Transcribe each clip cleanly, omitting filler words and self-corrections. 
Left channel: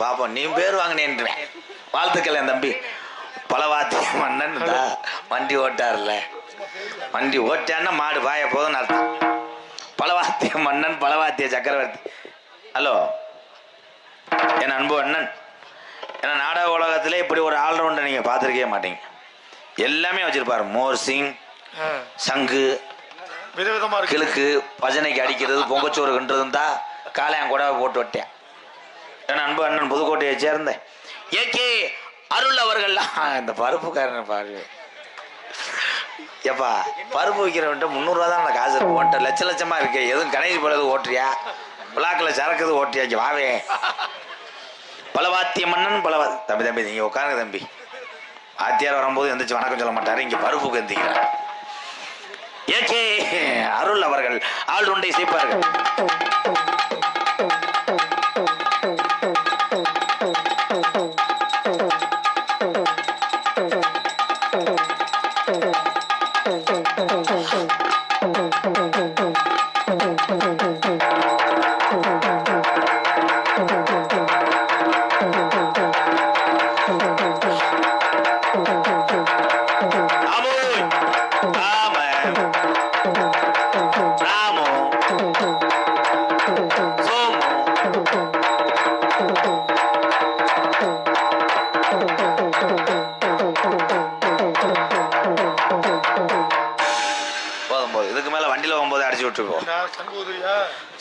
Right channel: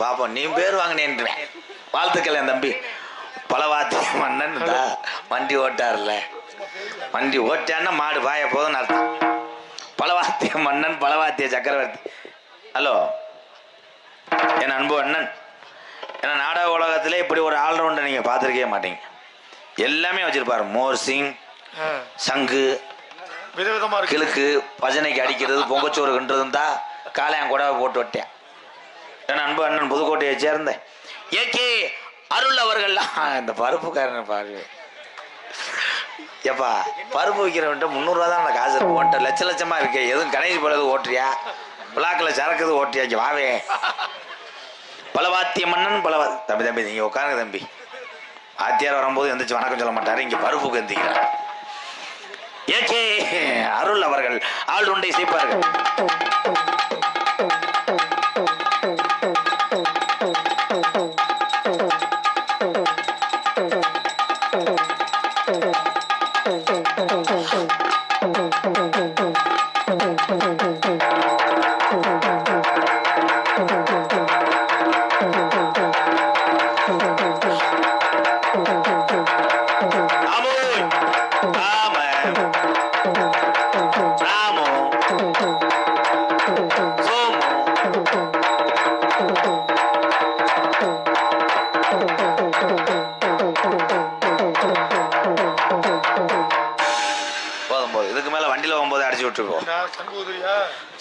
பாப்போம் நீ பேர் வாங்கினேன்றேன். வாழ்த்துக்கள் என் தம்பி. பலவாத்திய மன்னன் வண்டி ஓட்டார்ல, வண்டி ஓட்டான்னா மாடு பாய போதும்னு அர்த்தம். பலவாத்திய மன்னன், பலவாத்திய சக்கரவர்த்தி. ஹலோ என் அன்பு அண்ணன். ஏன்னா நாடக உலகத்திலே இப்படி ஒரு ஆல்ரவுண்டை நீங்கள் பார்த்துருக்கவே மாட்டீங்க. எல்லாமே வச்சிருப்பாரு. மோர்சிங், சங்கு, விதவிதமா கிழக்கு, பஜனைக்கு அடிக்கிறது, பொங்கச்சோறு கண்டுறதும் தான் காலையான் கூட போட்டு விட்டேன். என் அன்பு அண்ணன் புதுக்கோட்டையை சேர்ந்த ஏகே அருள் அவர்கள்லாம் இந்த பருப்புக்காரன் பாரு. எப்பா பருப்பு விற்கிறவன்ட்ட 300 ரூபா தான் அந்த காசு இருக்கு. ஓட்ட லட்ச லட்சமா இருக்கு. எதுவும் கணேஷ் போலது ஓட்டுறியா, பிளாக்கில் சரக்குது ஓட்டியாச்சு வாவே. பலவாத்திய மன்னன் தம்பி தம்பி நீங்க உட்காருங்க தம்பி. ஆத்தியார் வரும்போது எந்திரிச்சு வணக்கம் சொல்ல மாட்டாரு. இங்க பருப்புக்கு எந்திக்கிறார். ஏகே அருள் அவர்கள் ஆள் உண்டை சேர்ப்பார்கள்.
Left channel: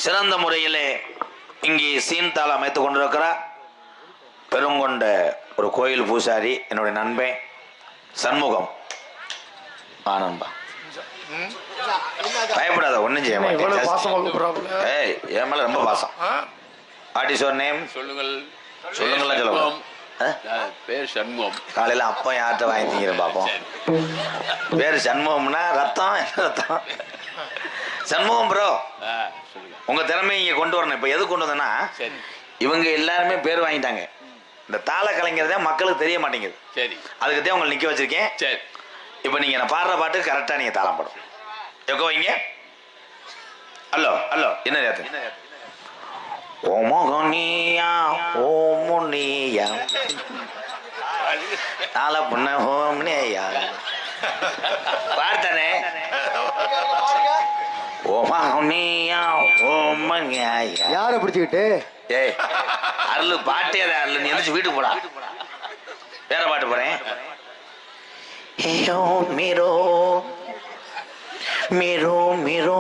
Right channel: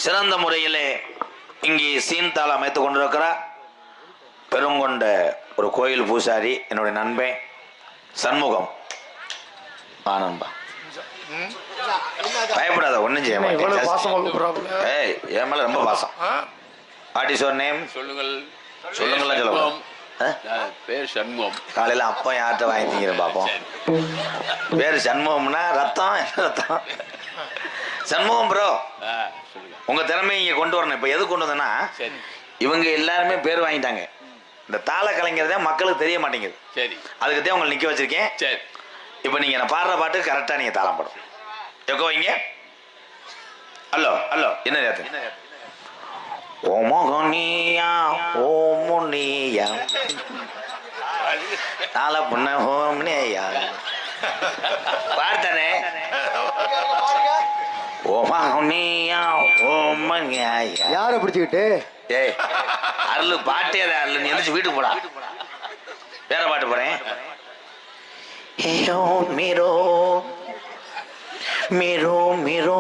சிறந்த முறையிலே இங்கே சீன்தாள் அமைத்துக் கொண்டிருக்கிறார் பெருங்கொண்ட ஒரு கோயில் பூசாரி, என்னுடைய நண்பன் சண்முகம். நண்பா பயப்படாத, ஒன்னும் செய்ய மாட்டேன். என் மேல ரொம்ப பாசம். What is your name? சொல்லுங்கள். சொல்லுங்கள். பேர் சண்முகம். காலையில அப்பா யார்கிட்ட வாங்கிட்டீங்க பாப்போம். பேர் சண்முகம்னா ரத்தம் ரத்தம். சண்முகம் ப்ரோ, உங்க திறமையை இங்க கொண்டு வரணும். இப்ப எது கொண்டு வந்தேன்னா, இவங்க எல்லாருமே பேர் வாங்கிட்டாங்க. இந்த தாள கலைஞர் மக்களுக்கு தெரிய மாட்டேங்குது. சரி, அதுக்கு தான் உங்களை நிக்க வச்சிருக்கேன். சரி, இப்ப நீங்க நான் பாடுற பாட்டு கரெக்டா நீங்க தாளம் பாடும். எக்கோ வைங்க. ஹலோ ஹலோ, என்ன ரேத்து? ஓமோகனியா ஓமுனியா தாள புண்ண ஓம்னியா பார்த்தானே. யார பிடிச்சுக்கிட்டு ஏய் அருள் பாட்டே அருள், நீ எந்திரிச்சு வீட்டுக்கு போடா. வேற பாட்டு போறேன். மீரோ மீரோ மீரோ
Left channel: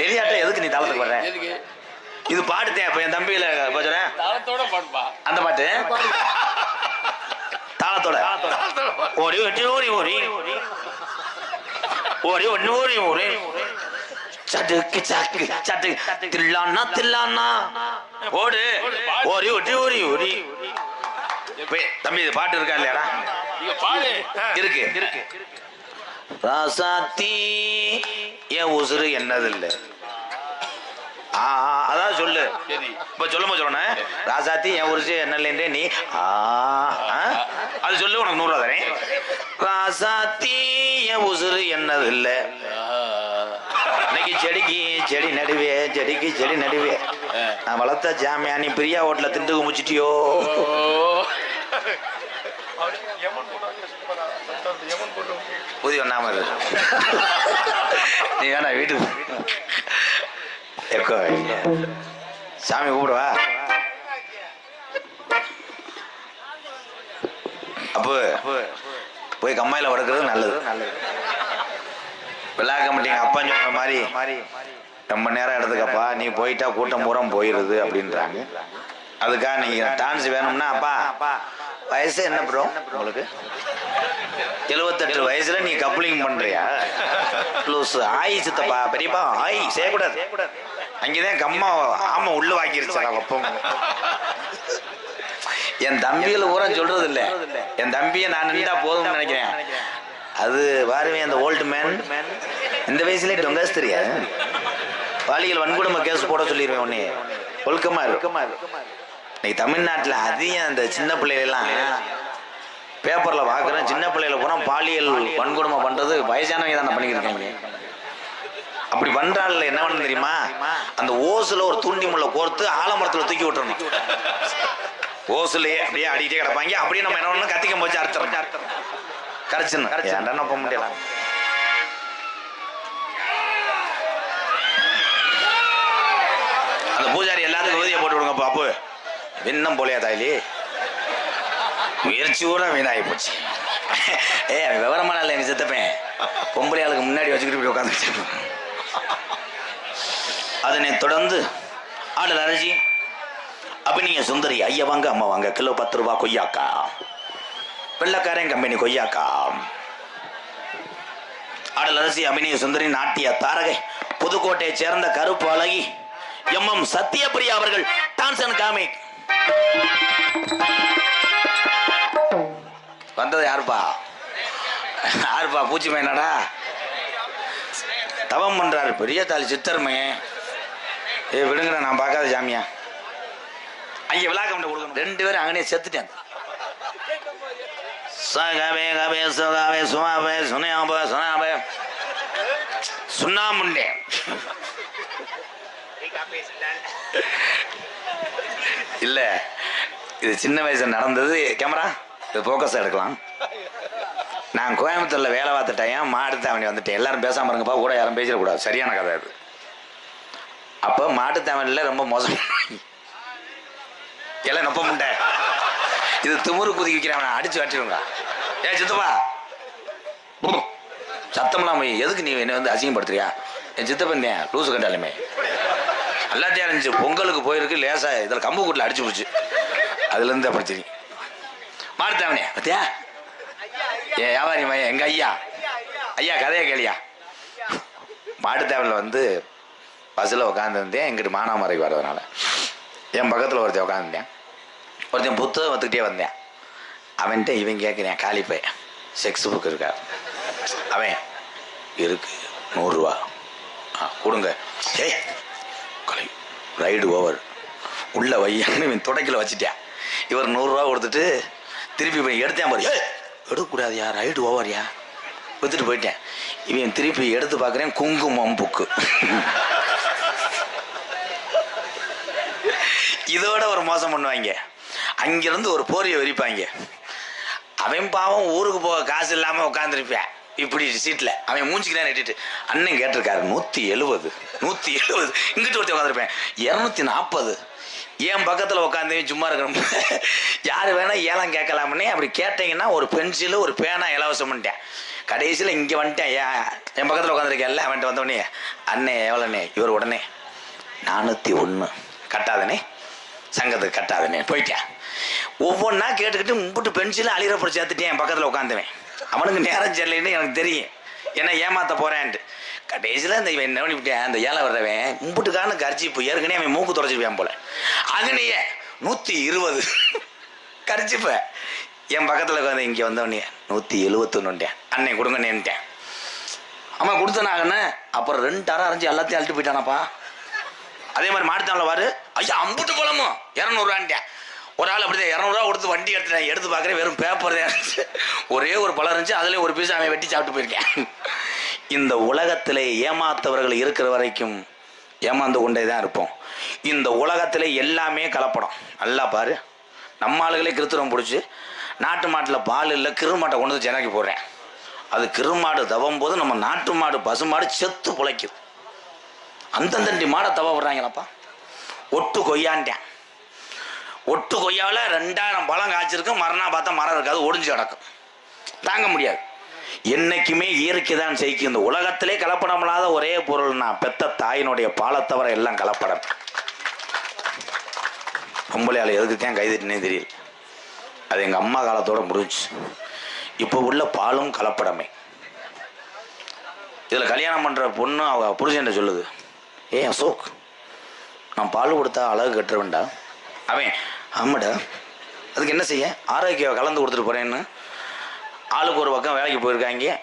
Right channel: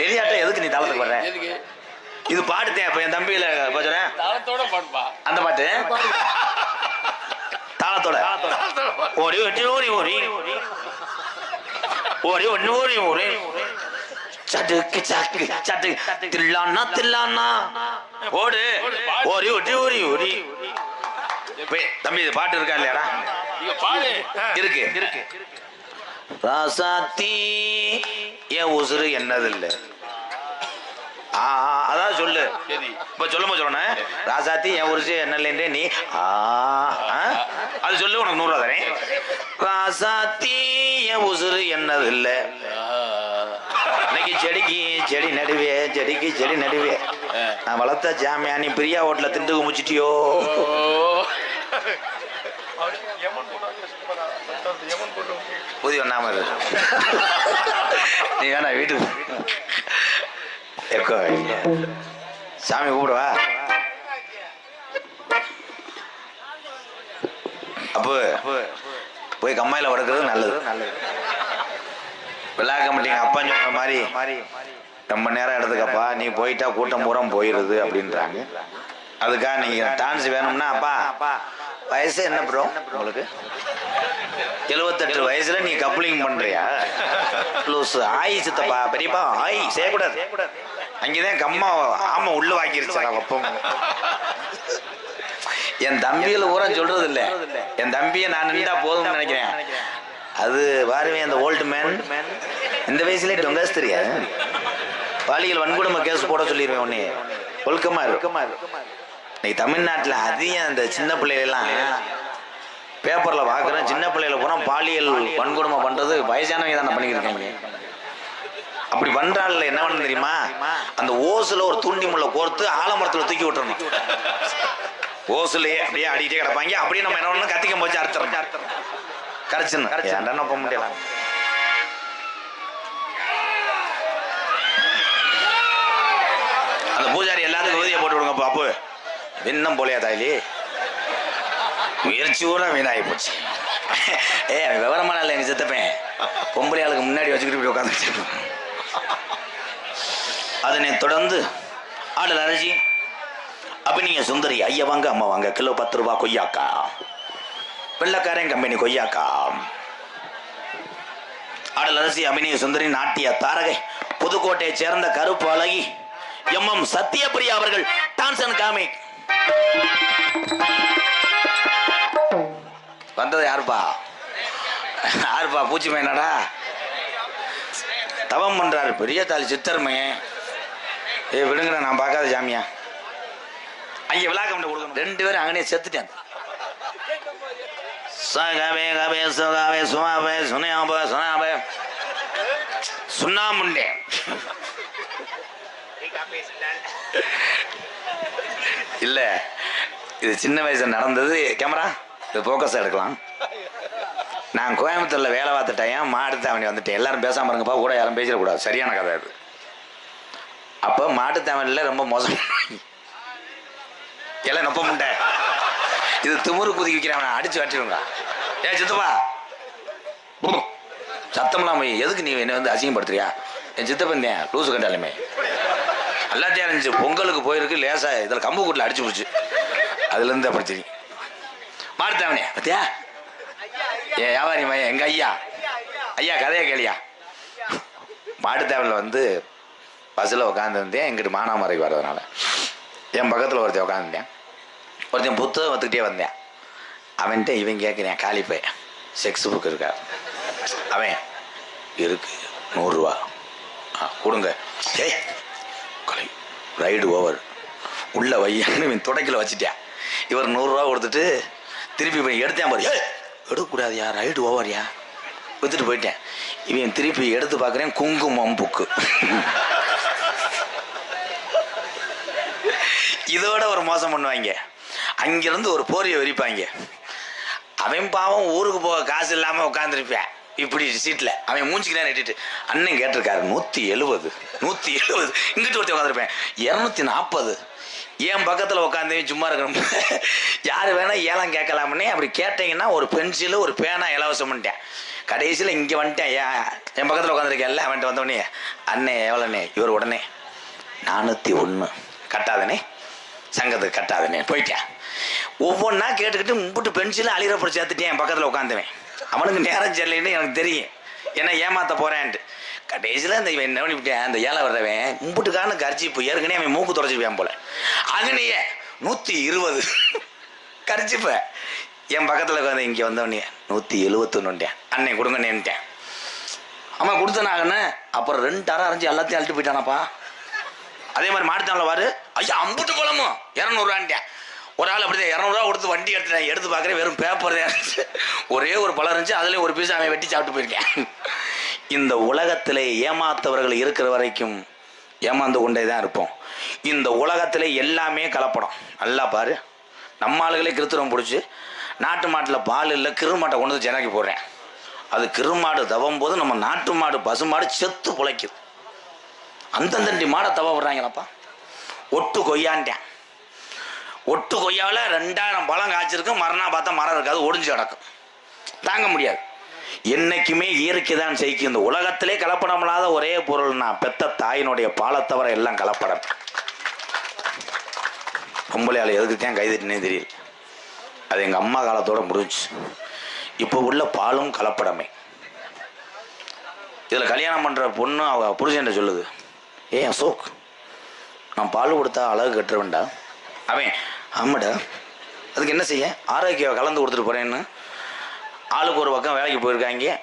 தெரியாட்ட எதுக்கு நீ தாளத்துக்கு வர்ற? இது பாட்டுத்தேன். இப்ப என் தம்பியில சொல்றேன் அந்த பாட்டு தாளத்தோட ஓடி ஓடி ஓடி ஓடி ஓடி ஒன்னு ஓடி ஓடி சட்டுக்கு சட்டு சட்டு தில்லானா தில்லானா ஓடு ஓடி ஓடி ஓடி ஓடி. தம்பி இது பாட்டு இருக்கா இல்லையாடா? இருக்கு இருக்கு. ராசாத்தி என் உசுறு என்னது இல்லை. அதான் சொல்லு. இப்ப சொல்லும்போது சொல்லணும். ராசாத்தி என் உருசு என்ன இல்லைன்றே நீ அது சொல்லு, உனக்கு 100 ரூபா தரேன். ராசாத்தி என் உசுறு என்னது இல்ல. இன்னைக்கு செடிக்கு செடி நடுவே, செடிக்கு செடி நடுவே. நான் வளர்த்த ஜாமியா நீ பிரியா ஹோட்டல திண்டு குமிச்சிட்டியோ. புதிய ஒண்ணாம நீ வேணா வீட்டுக்கு எக்கோ சாமி கூப்பிடுவா. அப்போ போய் கம்மாயில வளர்க்கறது நல்லது. விழா கமிட்டிங்க அப்பா சொன்ன மாதிரி ரொம்ப நேரம் எடுத்துக்கப்பா, நீ போயிட்டா கூட்டம் பூரா போயிடுது அப்படின்றாங்க. அதுக்காக நீங்க டான்ஸ் வேணும்னா, அப்பா வயசு என்ன ப்ரோ உங்களுக்கு? 78 வயசுல நீ கப்ளிங் பண்றியா? ஆயி சித்தப்பா பெரியப்பா ஆயி செய்யக்கூடாது. அங்கேதான் கம்மா ஆமா உள்ள வாங்கிருச்சா அப்பம். என் தம்பியில ஊரா சொல்றது இல்ல. என் தம்பியை நான் நின்றா போதும்னு நினைக்கிறேன். அது பாருவேன் அந்த ஓல்டு மேன் இந்த வயசுல டொங்காஸ் தெரியாது. பாலியல் வன்கொடுமை கேஸ் போட சொல்லிடுவேன். உடனே ஒழுக்கமா இருக்குமா. இன்னைக்கு தமிழ்நாட்டில் அதிகம் அந்த சின்ன பிள்ளைகளெல்லாம் பேப்பர்ல பாக்குறேன். சின்ன பிள்ளைகளை போனா பாலியல் வன்கொடுமை பண்றது வயசானவங்க தானே பண்ணிக்கிட்டு இருக்காங்க. அப்படி பண்றாள் என்ன பண்ண தெரியுமா, அந்த ஓசுல ஒரு தூண்டி முள்ள கோர்த்து ஆலமரத்துல தூக்கி விட்டுறணும். ஓசுலயே அப்படியே அடிக்கிட்டே கிடப்பாங்க. அப்படியே நம்ம என்ன பண்ணணும், கத்திக்க போச்சு அறுத்துறோம், கரைச்சுன்னு என்ன பண்ண முடியல. அந்த பூஜாரி எல்லாத்துக்கும் விபதியை போட்டு விடுங்க பாப்பு. விண்ணம் போலையா தாயிலி, முயற்சி கூட வீணாகி போச்சு. விவரமான இல்லை எங்க சித்தப்பேன், பொம்பளை ஆளுக்கு முன்னாடி வச்சுக்கிட்டு இப்படி உட்காந்து. அதனை தொடர்ந்து ஆடல் அரசி அபிநய சுந்தரி, ஐயா வாங்க அம்மா வாங்க, கிலோ 10 ரூபா கொய்யாக்கா, வெள்ளக்காரன் கம்பெனி கொய்யாக்கா. ஆடல் அரசி அபிநய சுந்தரி, நாட்டிய தாரகை, புதுக்கோட்டையை சேர்ந்த கருப்பு அழகி எம் சத்யபிரியா அவர்கள் டான்ஸ் அண்ட் காமிக். வந்தது யாருப்பா? யாருப்பா? பூச்சி மேனடா தவம் பண்றாரு பெரிய தாலி சித்தர்மே. விடுங்க, நான் பார்க்காத சாமியா. அங்கே விழாக்கம் கொடுக்கணும். 2 பேரும் அங்கனே செத்துட்டேன். சகவே கவே சுகாவே சுவாவே சுனையாப சுனாபே சுண்ணாமுண்டே. இல்ல, இது சின்ன வயசுல நடந்தது. கேமரா இது போக்கஸ் எடுக்கலாம். நான் கோயம்புத்தூர்ல வேலை பார்த்த டைம் மாட்டுத்தாவணி வந்துட்டேன். எல்லாரும் பேசாம இருங்கப்பா, கூட யாரும் பேசிடக்கூடாது, சரியான கதை அது. அப்போ மாட்டுத்தாவணியில் ரொம்ப மோசம், எல்லாம் நொப்ப முண்டை. இது திமுரு குதிக்க வைக்கிறவன் அடிச்சு வச்சிருங்க. சித்தப்பா சத்தம்லாம் எதுக்கு நீ என்ன வந்து அசிங்கப்படுத்துறியா? என் சித்தப்பன் தான் லூசு கண்டாலுமே எல்லாத்தையும் இருந்துச்சு. பொங்கலுக்கு போயிருக்கு லேசா இதில் கம்பு கூட்டில் அடிச்சு போச்சு. அதுலேருந்து அப்படி தெரியும். மாட்டுத்தாவணியா பத்தியா? ஏன் வியாபாரி மையம் எங்க ஐயா ஐயா கதையை கேளியா. மாட்டுத்தாவணியில் வந்து பஸ்ஸில் உட்காந்துருந்தேன். எங்கிட்ட மானாமரைக்கு வர்றதுனால என் பக்கத்தில் ஒருத்தன் உட்காந்துருந்தேன். ஒருத்தன் புத்தகம் வந்துக்கிட்டே வந்தேன். அவன்கிட்ட இவன் கேட்குறேன், காலிப்பை செக்ஸ் புக் இருக்கா? அவன் இருக்கு 100 ரூபா கொடுங்க. ஏய் கலை ரைடு ஓவர் உள்ள வையான்னு இவன் துடைக்கல வச்சுட்டேன். இவர் 100 ரூபா கொடுத்துட்டு திருப்பி போய் எடுத்தேன் பாரு. எடுக்கக்கூடாதுயா, ரைடு ஓவர்யா, வித்துட்டு போயிட்டேன். இவன் திருப்பி எடுத்து பார்க்குறேன், குங்குமம் புக்கு. இதோட ஒரு மோசம் பண்ணுவாங்க. அங்கிருந்து ஒரு போரியை விரிப்பாங்க. அவன் பாவம் ஊருக்கு போக காசு இல்லாமல் உட்காந்துருப்பேன் இப்படி சீட்டில். அவன் மூஞ்சிக்கலாம் நட்டிட்டு அண்ணன் கேட்டிருக்காரு 170 இங்கிட்டு ஒருத்தர் உட்காந்துருப்பேன் 240. என் பக்கத்தில் உட்காந்து சும்மா இருக்கணும். யார் வேணா ஏலம் கேட்கலாம்னே. அப்படி கேட்டீங்கன்னா ஒரு பென்சிலு ஒரு பேனா இலவசம் பண்ணிட்டேன். கடைசியில் இங்கே வந்துட்டேன். என் பக்கத்தில் உட்காந்துருக்கேன்ல, அவன்கிட்ட வந்தோடனே அண்ணே எவ்வளோண்ணே? இவர் உடனே 401 கட்டாதனே, சங்கத்துக்கு கட்டாதனே போயிட்டேன். ஒவ்வொன்றா கேட்டுக்கிட்டு மும்பிட்டு பென்சிலும் அழிகிறப்படி சேர்த்துட்டேன். என் பக்கத்தில் உட்காந்துவேன். அவனுக்கு நேரம் சரியில்லைன்னு எனக்கு தெரியும், ஏன்னா ஏமாற்ற போகிறேன்ட்டு. கடைசியில் இந்த என்ன பண்ணிவிட்டேன், அந்த ஏழை வர்றவன் மும்பிட்டுக்கான கரிச்சிப்பு ஏற்கனவே அவன் மூக்கு துடைச்சிருப்பேன் போல. அங்கனையே 120 கரிச்சிப்ப என் பக்கத்தில் உட்காந்து இங்கே வந்தவனே 171 அண்ணன் கொடுங்கண்ணேன்ட்டேன். ஆமாம் கொடுத்தனாங்கண்ணே. அப்புறம் 2 அரை அரைஞ்சி எல்லாத்தையும் அழுட்டு போயிட்டானாப்பா. அதே மாதிரி மாட்டுத்தானில் வாரு, ஐயா அம்புட்டு பழமும் 200 ரூபான்ட்டேன். ஒரு ஆள் அப்படிதான் 200 ரூபா கொடுத்து வண்டி எடுத்துட்டேன். எடுத்து பார்க்குறேன் வெறும் பேப்பர் தான் இருந்துச்சு. ஒரே ஒரு பழம் இருந்துச்சு, அதுலேயும் ஒரு பீஸ் அவன் வெட்டி சாப்பிட்டு போயிருக்கேன். இந்த உலகத்தில் ஏமாத்தவர்கள் இருக்கிற வரைக்கும் ஏமாந்து கொண்டே தான் இருப்போம். இந்த உலகத்தில் எல்லாமே கலப்படம். நல்லா பாரு, நம்ம ஆளுகளே கிருத்திரம் பிடிச்சி நாட்டு மாட்டில் பால் இல்லை கிருமாட்டை கொண்டு வந்து ஜனக்கி போடுறேன். அது கிருமாடு தவம் போது நம்ம நாட்டு மாடு பசுமாடு செத்து பிழைக்குது. அந்தந்தண்டி மாடை தவ விடுறாங்களப்பா. ஒட்டு கொய்யான்ட்டேன். ஒட்டு கொய்யாவில் 2000 பழம் காய்ச்சிருக்கு. மறுநாள் பார்த்தா மரம் இருக்காது, ஒடிஞ்சு கிடக்கும். தாங்க முடியாது. என்னைக்குமே இயற்கை தான் செய்யும். இந்த உலகத்திலே கலப்படம் இல்லாத ஒரே பொருள்னா பெத்த தாயினுடைய பாலை தவிர எல்லாம் கலப்படம். பொம்பளையால் எதுக்கு தான் கைதிட்டுனே தெரியல. அது எங்கள் அம்மா காலத்தோட முடிஞ்சு. இப்போ உள்ள பாலும் கலப்படமே. இதில் கல்யாணம் பண்ணுற பொண்ணு அவ புருஷன் சொல்லுது, அசோக் நான் பால் கொடுத்தா அழகு கட்டுறவேண்டா. அவன் ஆமாடா, அதுக்கு என்ன செய்ய, ஆரோக்கியம் கலந்து கொடுத்துட்டு போகிறேன்னு. ஆளுக்கு ஒரு பக்கம் வேலைக்கு போயிருக்காங்க.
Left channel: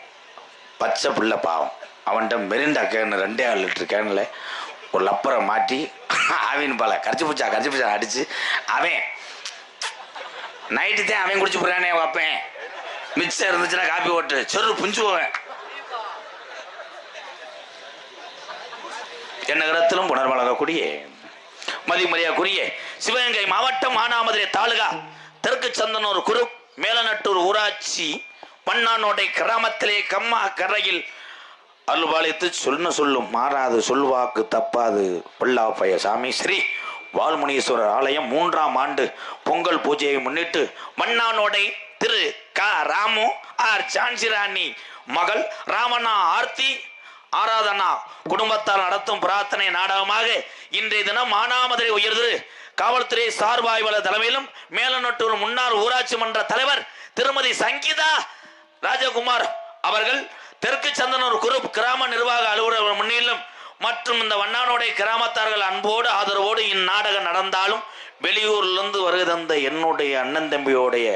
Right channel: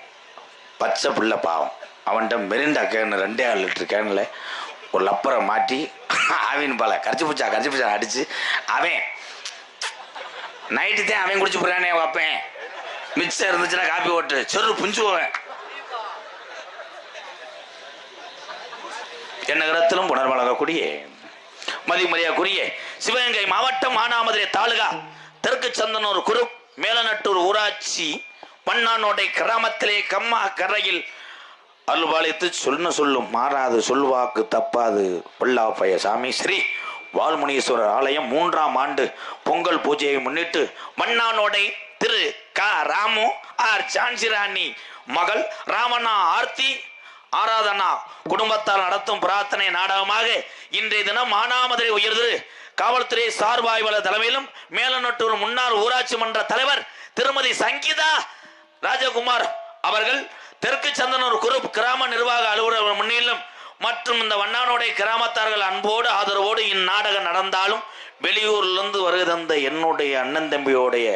பச்சை பிள்ளை பாவம், அவன்கிட்ட மெரிண்டா கேனு 2.5 லிட்டர் கேனில் ஒரு லப்பரை மாட்டி ஆவின் பாலை கரைச்சி பூச்சா அடித்து அவன் நைட்டு தான் அவன் குடிச்சு போகிறானே வைப்பேன். மிக்சர் இருந்துச்சுன்னா காப்பி ஓட்டு சொரு புஞ்சு போவேன். என்னகரத்திலும் உணர்வழங்கக்கூடிய மதிமரியாக்குரிய சிவகங்கை மாவட்டம் மானாமதுரை தாலுகா தெற்கு சந்தனூர் குரு மேலநட்டூர் ஊராட்சி மண்ணானோடை கிராமத்திலே கம்மா கரையில் அருள்பாலித்து சொல்லும் மாறாது சொல்வாக்கு தப்பாது பொல்லாப்பய சாமி ஸ்ரீ வால்முனீஸ்வரர் ஆலயம் 3ஆம் ஆண்டு பொங்கல் பூஜையை முன்னிட்டு மண்ணானோடை திரு க ராமு ஆர் சான்சிராணி மகள் ராமண்ணா ஆர்த்தி ஆராதனா குடும்பத்தால் நடத்தும் பிரார்த்தனை நாடகமாக இன்றைய தினம் மானாமதுரை உயர்திரு காவல்துறை சார்பாய்வாளர் தலைமையிலும் மேலநட்டூர் முன்னாள் ஊராட்சி மன்ற தலைவர் திருமதி சங்கீதா ராஜகுமார் அவர்கள் தெற்கு சந்தனூர் குரூப் கிராம நிர்வாக அலுவலர் முன்னிலும் மற்றும் இந்த வண்ணானோடை கிராமத்தார்கள் அன்போடு ஆதரவோடு இந்நாடகம் நடந்தாலும் வெளியூரிலிருந்து வருகை தந்த என்னுடைய அண்ணன் தம்பியோடைய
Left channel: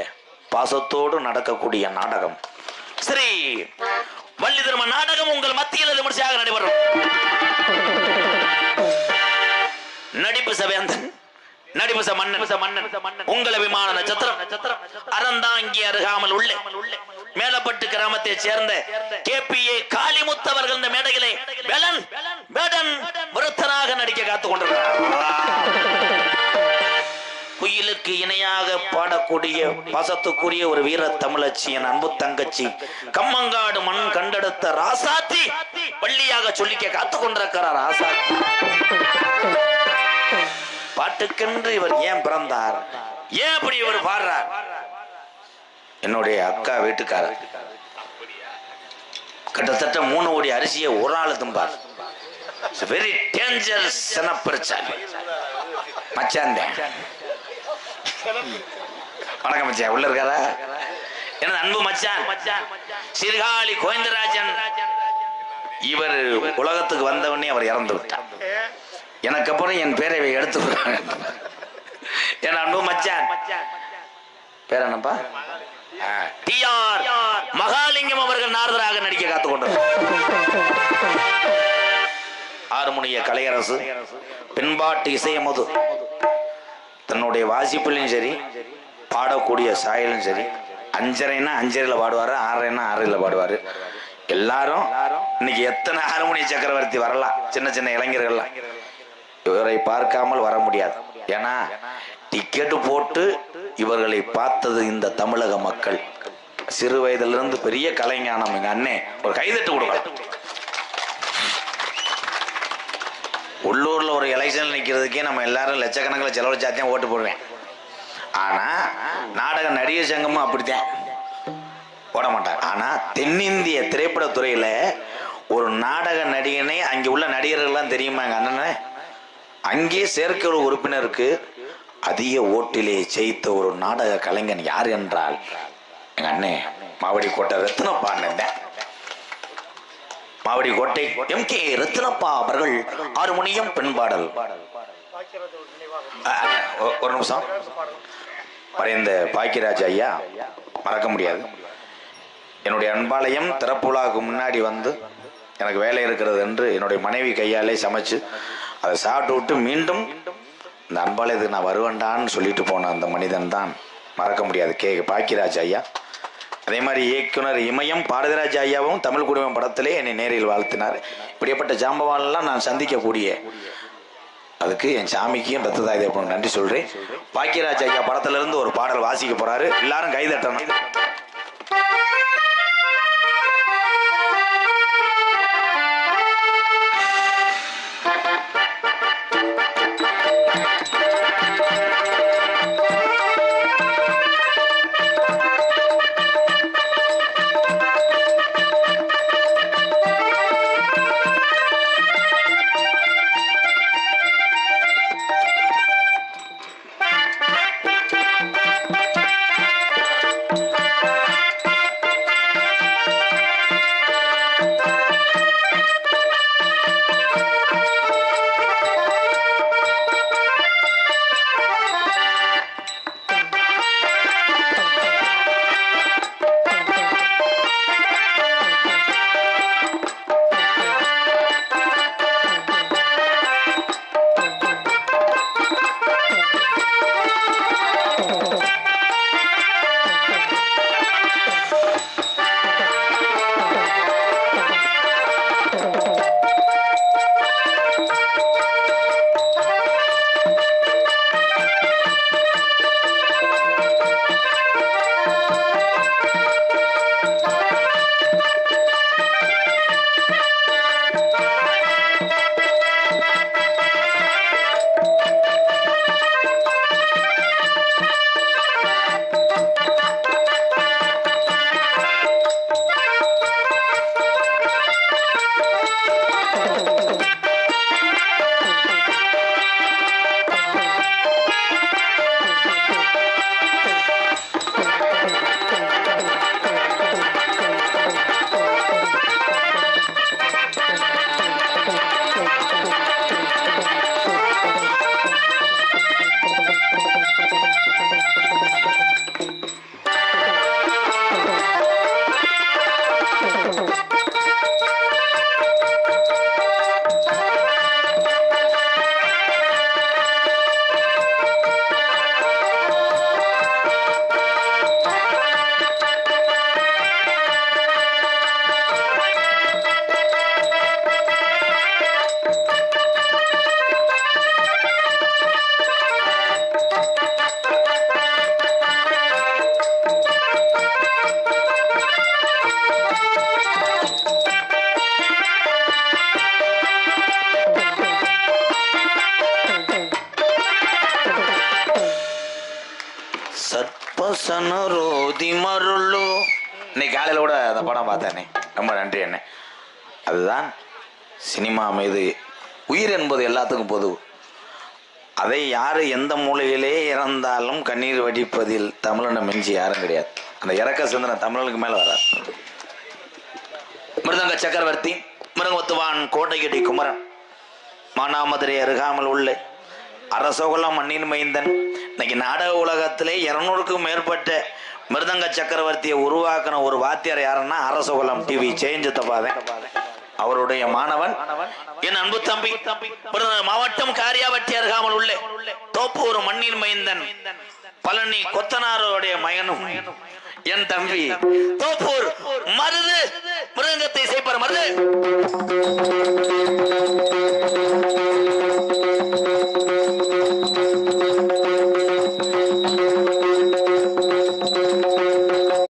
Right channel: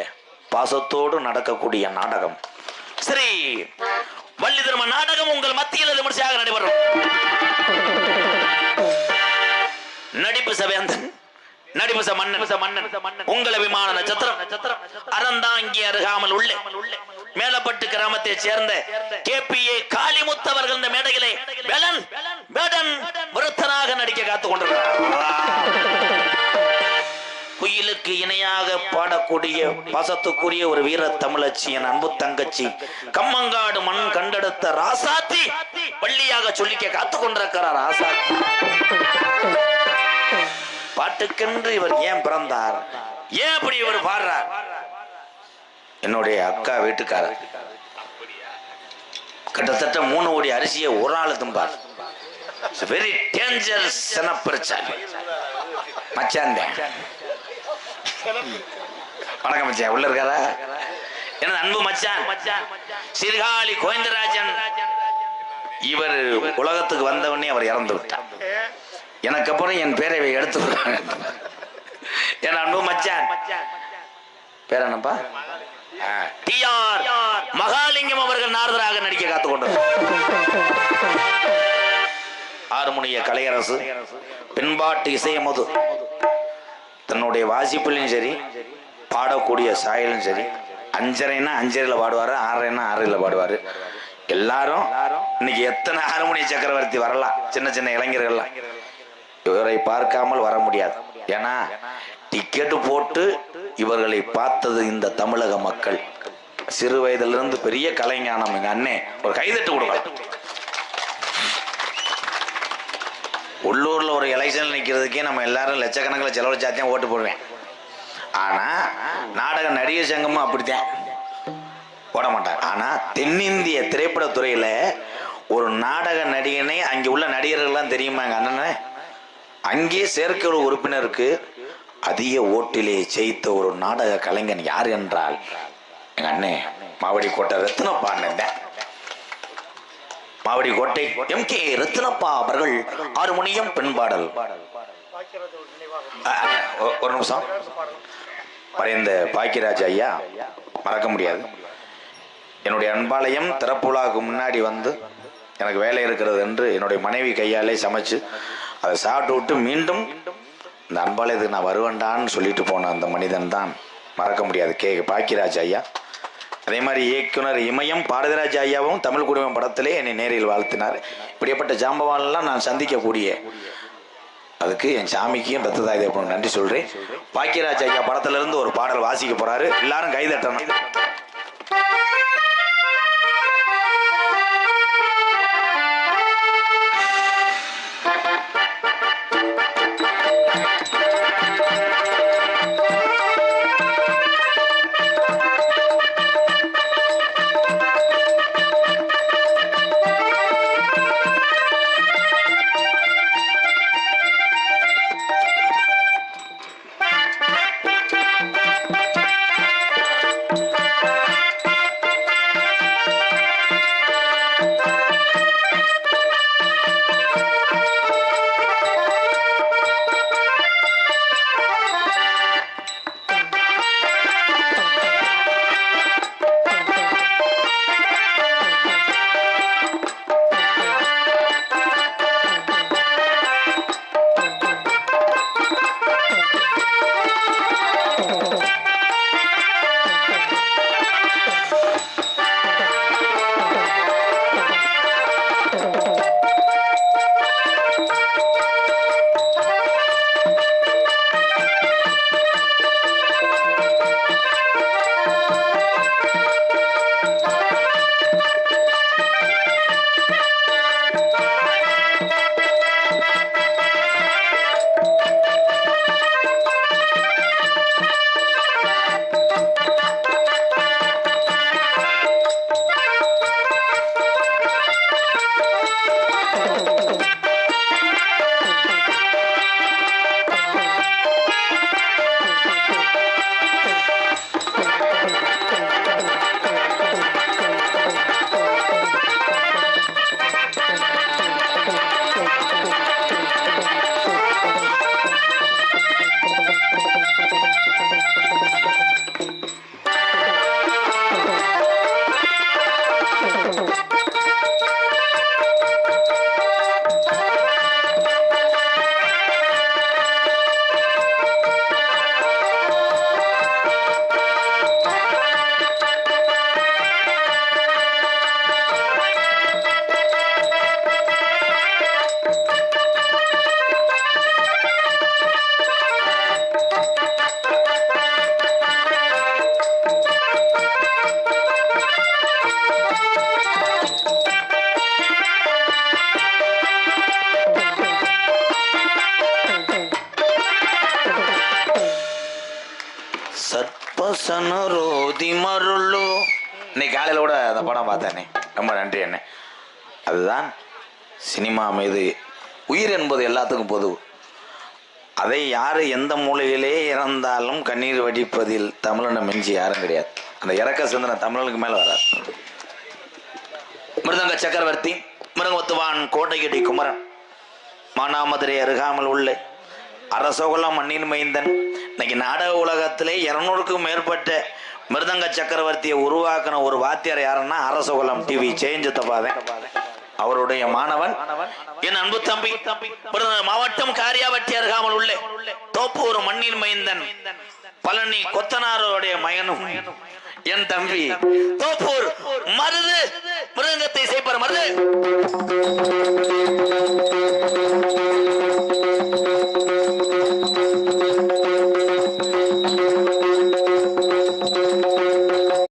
பாசத்தோடு நடக்கக்கூடிய நாடகம் ஸ்ரீ வள்ளி திரும நாடகம் உங்கள் மத்தியில் விமர்சையாக நடைபெறும். நடிப்பு சவேந்தன் நடிப்பு மன்னன் உங்கள் விமான நட்சத்திரம் அறந்தாங்கி அருகாமல் உள்ள மேலப்பட்டு கிராமத்தை சேர்ந்த KPA காளிமுத்து அவர்கள் இந்த மேடையிலே விருத்தனாக நடிக்க காத்துக் கொண்டிருக்கிறார். குயிலுக்கு இணையாக பாடக்கூடிய பாசத்துக்குரிய ஒரு வீர தமிழச்சி என் அன்பு தங்கச்சி கம்மங்காடு மண் கண்டெடுத்த ராசாத்தி பள்ளியாக சொல்லிக்க காத்துக் கொண்டிருக்கிறார். ராசாத்தி பாட்டுக்கென்று இவர் ஏன் பிறந்தார், ஏன் அப்படி இவர் பாடுறார்? என்னுடைய அக்கா வீட்டுக்காரர் கிட்டத்தட்ட 3 கோடி அரிசியை ஒரு ஆள் தும்பார். வெரி டேஞ்சரஸ் பிரச்சனை மச்சான். வணக்கம் மச்சான், உள்ள இருக்காரா? எனது அன்பு மச்சான் சீர்காழி கோவிந்தராஜன். இவர் உலகத்துக்கு வந்தவனே அவர் இறந்து விட்டார். எனக்கு அப்புறம் என் பேரை எடுத்து என் அன்பு மச்சான் பேர் என்னப்பா? TR மகாலிங்கம் அவர்கள் நாரதராக நடிக்க காத்துக் கொண்டார். ஆறுமுனிய கலையரசு பின்பாட்டு இசையமது தன்னுடைய வாசிப்பிலும் சரி பாடக்கூடிய சாயலும் சரி 5:30ன்னா 5:30 பாடுவாரு, 6:30ன்னா 6:30 பாடுவாரு. எல்லாரும் இன்னைக்கு எத்தனை ஆறுமுனிய சக்கரவர்த்தி வரலாம், சின்ன சின்ன இளைஞர்கள்லாம் இவரை பார்க்காமல் வர முடியாது. ஏன்னா டிக்கெட்டு போட்டு இவர்களை பார்த்தது இந்த தமிழக மக்கள். சிறு வயதிலிருந்து பெரிய கலைஞானம். எங்க அண்ணே ஒரு கைதட்டு கொடுக்கலாம். உள்ளூர்ல ஒரு எலெக்ஷன் நிற்கிறதுக்கே நம்ம எல்லாரும் லட்சக்கணக்கில் செலவழிச்சாத்தான் ஓட்டு போடுவேன். ஆனா நாடக நடிகர் சங்கமும் அப்படித்தான் போட மாட்டாங்க. ஆனா தென்னிந்திய திரைப்பட துறையில ஒரு நாடக நடிகனை அங்கே உள்ள நடிகர்கள்லாம் தெரியுமா? எங்க அண்ணனே அங்கே செயற்குழு உறுப்பினருக்கு அதிக ஓட்டிலே ஜெயித்த ஒரு நாடக கலைஞன் யார் என்றால் எங்க அண்ணே மாவடி கோட்டை ரத்னப்பா அண்ணன். மாவடி கோட்டை MK ரத்னப்பா அவர்கள் ஆறுமுனியம் பெண்பாடல். ஒரு நிமிஷம். மறைந்த பாக்கியராஜ் ஐயா மறக்க முடியாது. என்னுடைய அன்பாலயம் திறப்புலாவுக்கு முன்னாடி வந்து எனக்கு வேலை இருக்கிறது என்று என்னுடைய மனைவி கையாலே சமைச்சு அதை சாப்பிட்டு விட்டு மீண்டும் இந்த அன்பாலயத்துக்கு நான் வருவேண்டான்னு சொல்லிட்டு போன அந்த மனிதன் தான் மறக்க முடியாது பாக்கியராஜ் ஐயா. அதே மாதிரி இயக்குனர் இமயம் பாரதிராஜ் ஐயாவும் தமிழ் குடிமம் படத்திலே என்னை நேரில் வாழ்த்தினார். இப்படிப்பட்ட ஜாம்பவான்லாம் நான் சந்திக்கக்கூடிய அதுக்கு என் சாமிக்கும் ரத்ததாய் தேவனுக்கு நன்றி சொல்றேன். பாக்கியராஜ் ஐயா படத்துல இருந்து ஒரு பாடல் வாசிக்க போறாரு, எல்லாரும் கைதட்டணும். சத்பசனரோதி மருளோ. இன்னைக்கு காலையில் கூட அந்த படம் பார்த்தேனே, ரொம்ப நன்றி அண்ணே. அதுதான் சினிமா மீது உயிர் என்பது எல்லாத்துக்கும் பொது. அதை யார் எந்த மூலையிலே இறந்தாலும் கண்ணீர் வடிப்பதில் தமிழனை மிஞ்சி யாரும் கிடையாது. அந்த இறக்க சிந்தனை தமிழனுக்கு மேலே வராது. மிருதங்க சக்கரவர்த்தி, மிருகத்துவான் கோட்டையடி குமரன், மானாமதுரை அருகாமல் உள்ள அரசோகுலம் மண்ணின் மைந்தன். இன்னைக்கு நாடக உலகத்திலே 200க்கும் மேற்பட்ட மிருதங்க சக்கரவர்த்தியை உருவாக்கின ஒரு வாத்தியார் யாருன்னா அரசோகுலம் டிவி சேஞ்சத்தபாதன். அவருடைய மாணவன் என் அன்பு தம்பி மாவட்டம் காரியாவட்டி அருகாமல் உள்ள தோப்பூர் மண்ணின் மைந்தன் பழனி கொத்தனாரோடைய மகனும் என் தம்பி தோப்பூர் மருது மிருதங்கத்தை செய்ப்பார். மருது